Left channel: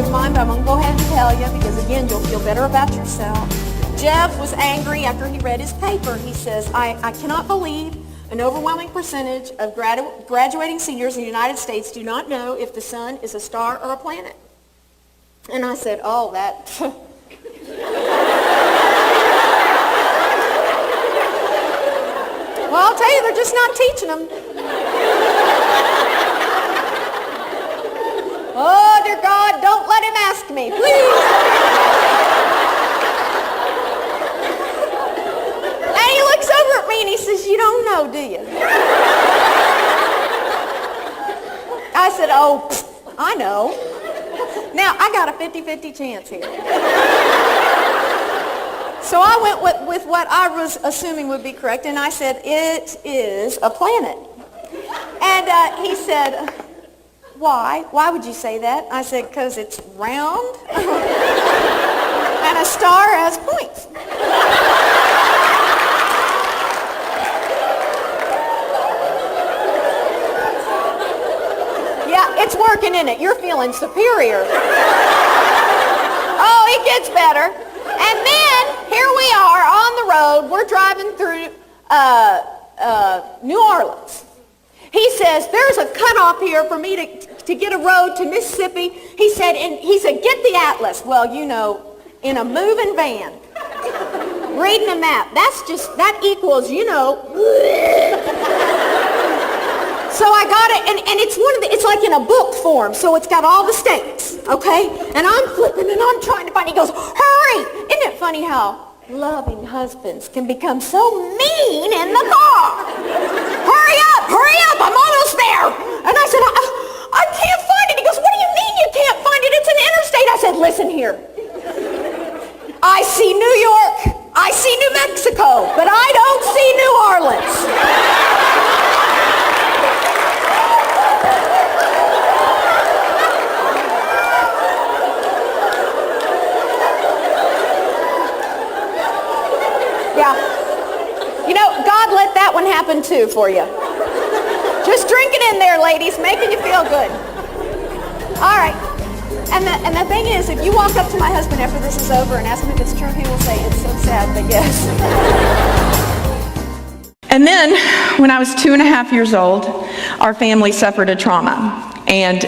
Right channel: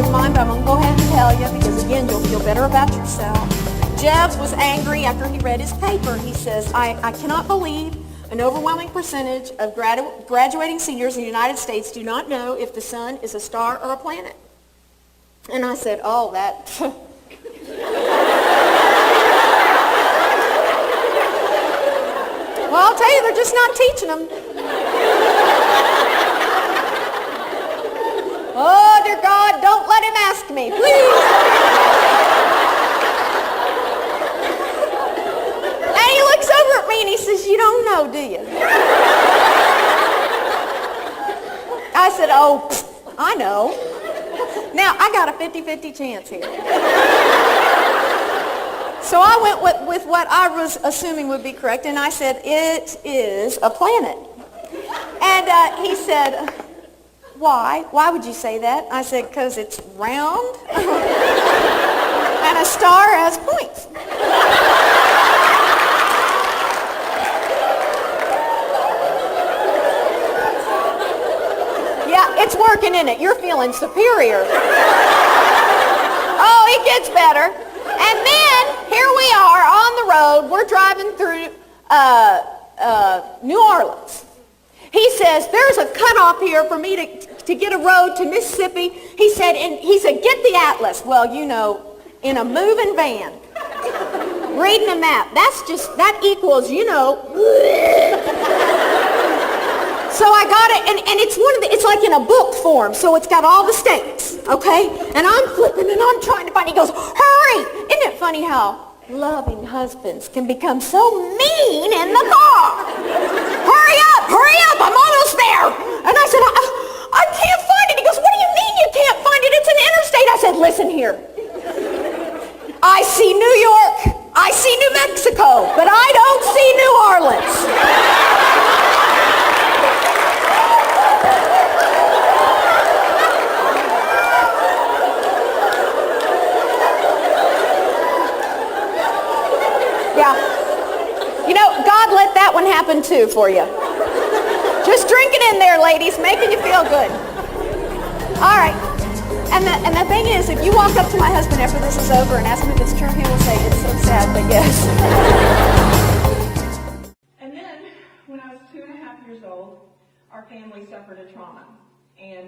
of mine, but I'm going to go ahead and tell you because, again, you'll feel better about yourself. Jeff was angry after he read his paper. He says, I cannot believe an overwhelming percentage of graduating seniors in the United States do not know if the sun is a star or a planet. And I said, oh, that... Well, I'll tell you, they're just not teaching them. Oh, dear God, don't let him ask me, please. And he looks over at me and he says, you don't know, do you? I said, oh, I know. Now, I got a 50-50 chance here. So I went with what I was assuming would be correct, and I said, it is a planet. And he said, why? Why would you say that? I said, because it's round, and a star has points. Yeah, it's working, isn't it? You're feeling superior. Oh, it gets better. And then, here we are on the road. We're driving through New Orleans. He says, there's a cutoff here for me to get a road to Mississippi. He said, get the atlas. Well, you know, in a moving van, reading a map. That equals, you know. So I got it, and it's like in a book form, so it's got all the states, okay? And I'm flipping, and I'm trying to find it. He goes, hurry! Isn't it funny how loving husbands can become so mean in the car? Hurry up, I'm almost there. And I said, I can't find it. He goes, what do you mean you can't find it? It's an interstate. I said, listen here. I see New York, I see New Mexico, but I don't see New Orleans. Yeah. You know, God let that one happen too for you. Just drink it in there, ladies, making you feel good. All right. And the thing is, if you walk up to my husband after this is over and ask him if it's true, he will say, it's so sad, but yes. And then, when I was 2.5 years old, our family suffered a trauma. And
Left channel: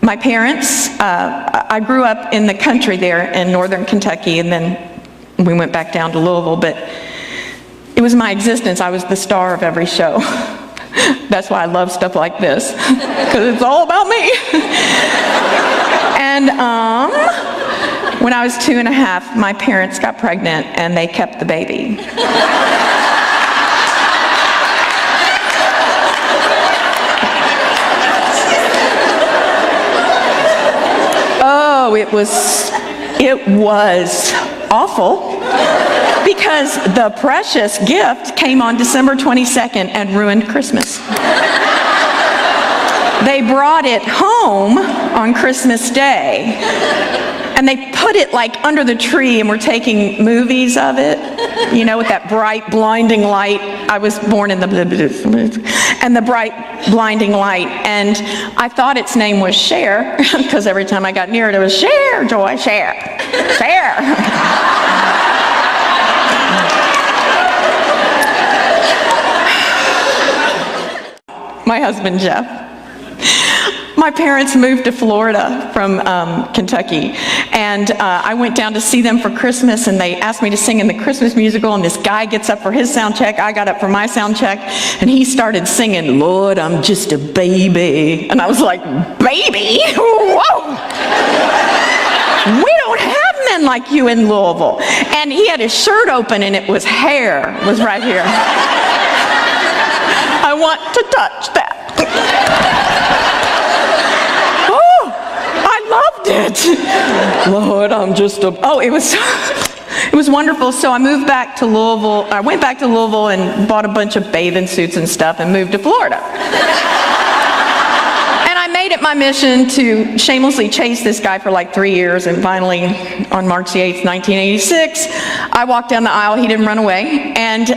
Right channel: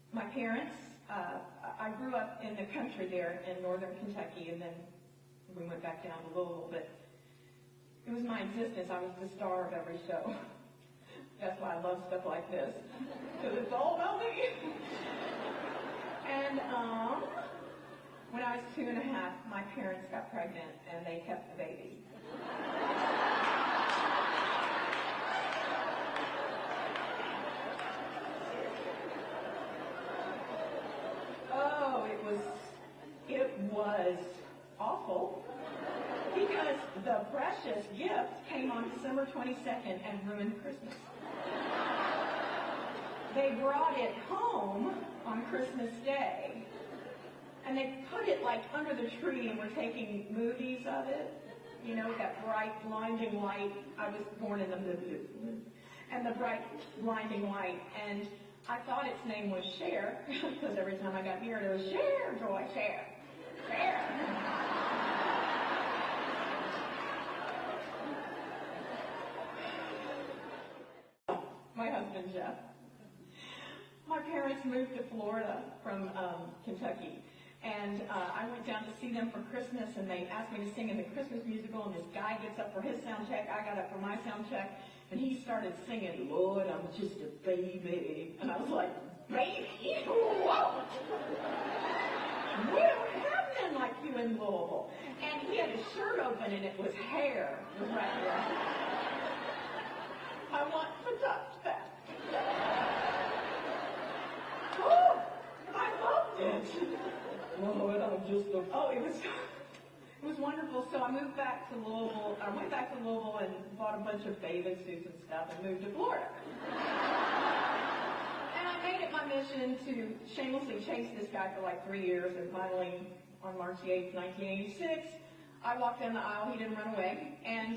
my parents, I grew up in the country there in northern Kentucky, and then we went back down to Louisville, but it was my existence. I was the star of every show. That's why I love stuff like this, because it's all about me. And when I was 2.5, my parents got pregnant, and they kept the baby. Oh, it was awful, because the precious gift came on December 22nd and ruined Christmas. They brought it home on Christmas Day, and they put it like under the tree, and we're taking movies of it, you know, with that bright, blinding light. I was born in the bright, blinding light, and I thought its name was Cher, because every time I got near it, it was Cher, Joy, Cher, Cher. My husband, Jeff. My parents moved to Florida from Kentucky, and I went down to see them for Christmas, and they asked me to sing in the Christmas musical, and this guy gets up for his sound check, I got up for my sound check, and he started singing, Lord, I'm just a baby. And I was like, baby? Whoa! We don't have men like you in Louisville. And he had his shirt open, and it was hair, was right here. I want to touch that. Lord, I'm just a... Oh, it was wonderful. So I moved back to Louisville. I went back to Louisville and bought a bunch of bathing suits and stuff and moved to Florida. And I made it my mission to shamelessly chase this guy for like 3 years, and finally, on March the 8th, 1986, I walked down the aisle. He didn't run away. And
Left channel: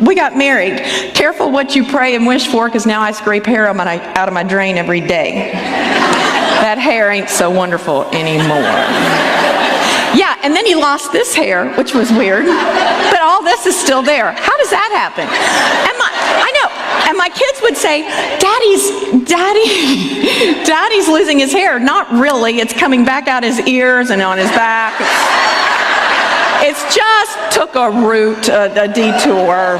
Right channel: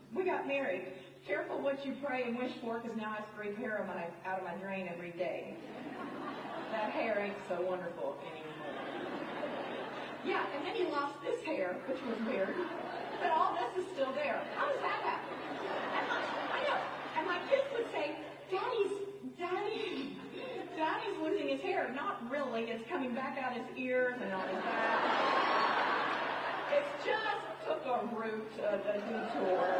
we got married. Careful what you pray and wish for, because now I scrape hair out of my drain every day. That hair ain't so wonderful anymore. Yeah, and then he lost this hair, which was weird, but all this is still there. How does that happen? I know, and my kids would say, Daddy's losing his hair. Not really, it's coming back out his ears and on his back. It's just took a route, a detour.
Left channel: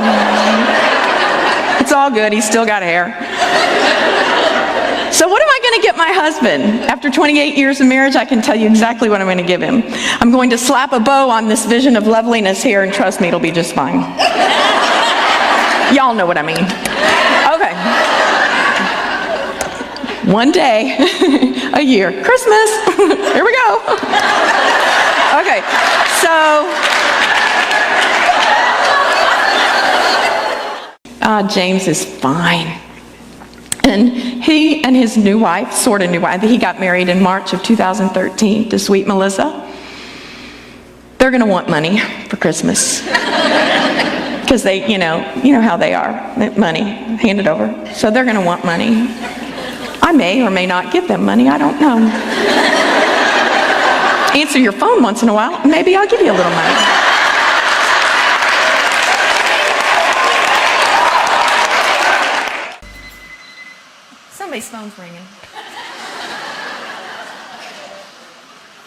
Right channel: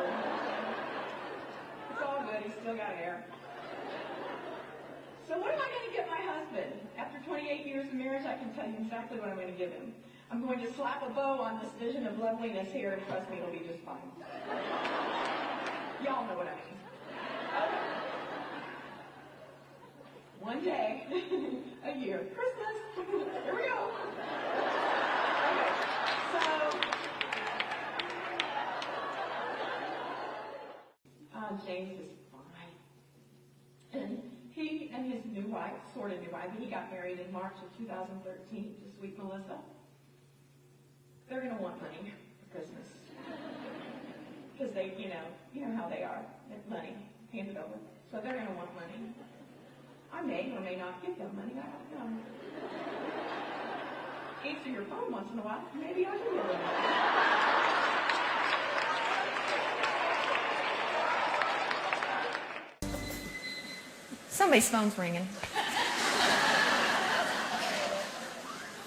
It's all good, he's still got hair. So what am I going to get my husband? After 28 years of marriage, I can tell you exactly what I'm going to give him. I'm going to slap a bow on this vision of loveliness here, and trust me, it'll be just fine. Y'all know what I mean. Okay. One day, a year, Christmas. Here we go. Okay, so James is fine. And he and his new wife, sort of new wife, he got married in March of 2013 to sweet Melissa. They're going to want money for Christmas. Because they, you know how they are. Money, hand it over. So they're going to want money. I may or may not give them money, I don't know. Answer your phone once in a while, maybe I'll give you a little money. Somebody's phone's ringing.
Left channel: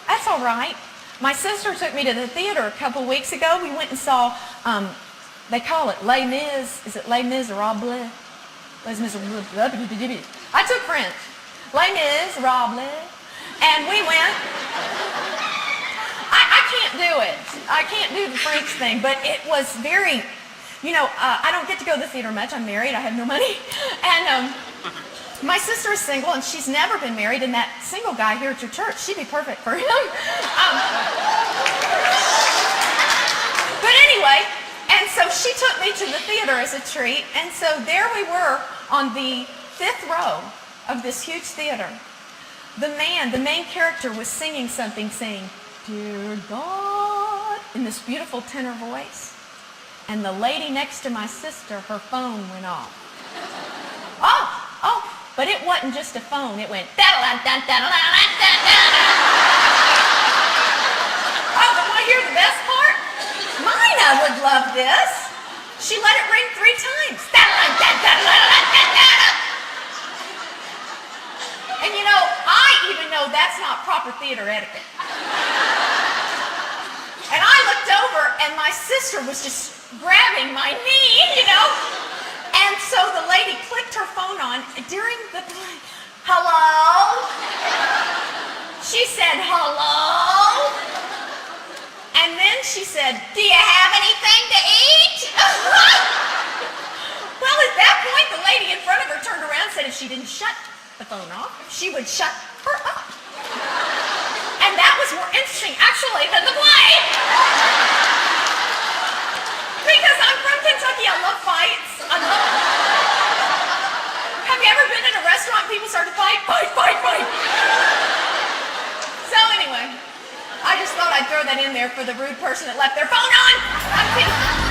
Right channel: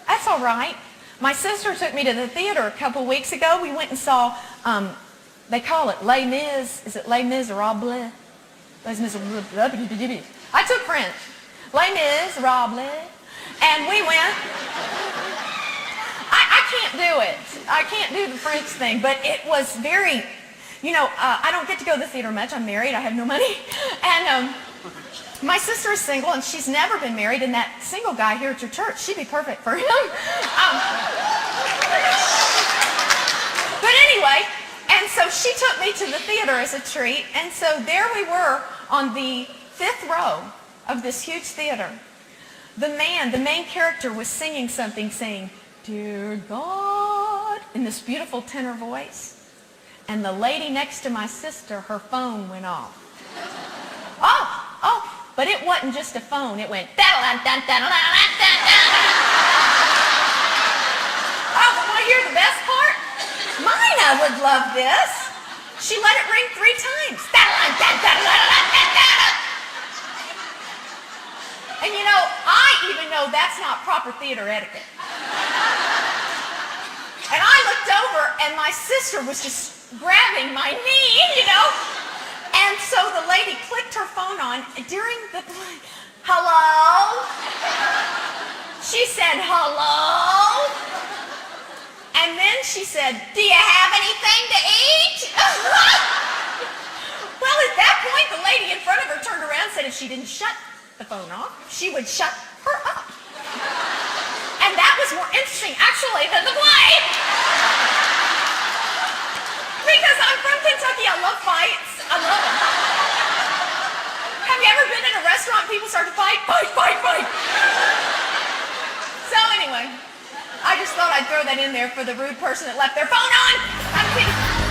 That's all right. My sister took me to the theater a couple weeks ago. We went and saw, they call it Les Mis. Is it Les Miserables? Les Miserables. I took French. Les Miserables. And we went. I can't do it. I can't do the French thing, but it was very, I don't get to go to the theater much. I'm married. I have no money. And my sister is single, and she's never been married, and that single guy here at your church, she'd be perfect for him. But anyway, and so she took me to the theater as a treat, and so there we were on the 5th row of this huge theater. The main character was singing something, saying, "Dear God," in this beautiful tenor voice. And the lady next to my sister, her phone went off. Oh! But it wasn't just a phone. It went Oh, but want to hear the best part? Mina would love this. She let it ring 3 times. And I even know that's not proper theater etiquette. And I looked over, and my sister was just grabbing my knee, And so the lady clicked her phone on during the play. Hello? She said, hello? And then she said, do you have anything to eat? Well, at that point, the lady in front of her turned around and said if she didn't shut the phone off, she would shut her up. And that was more interesting, actually, than the play. Because I'm from Kentucky, I love fights. I love it. Have you ever been in a restaurant and people start to fight? Fight, fight, fight. So anyway, I just thought I'd throw that in there for the rude person that left their phone on. I'm kidding.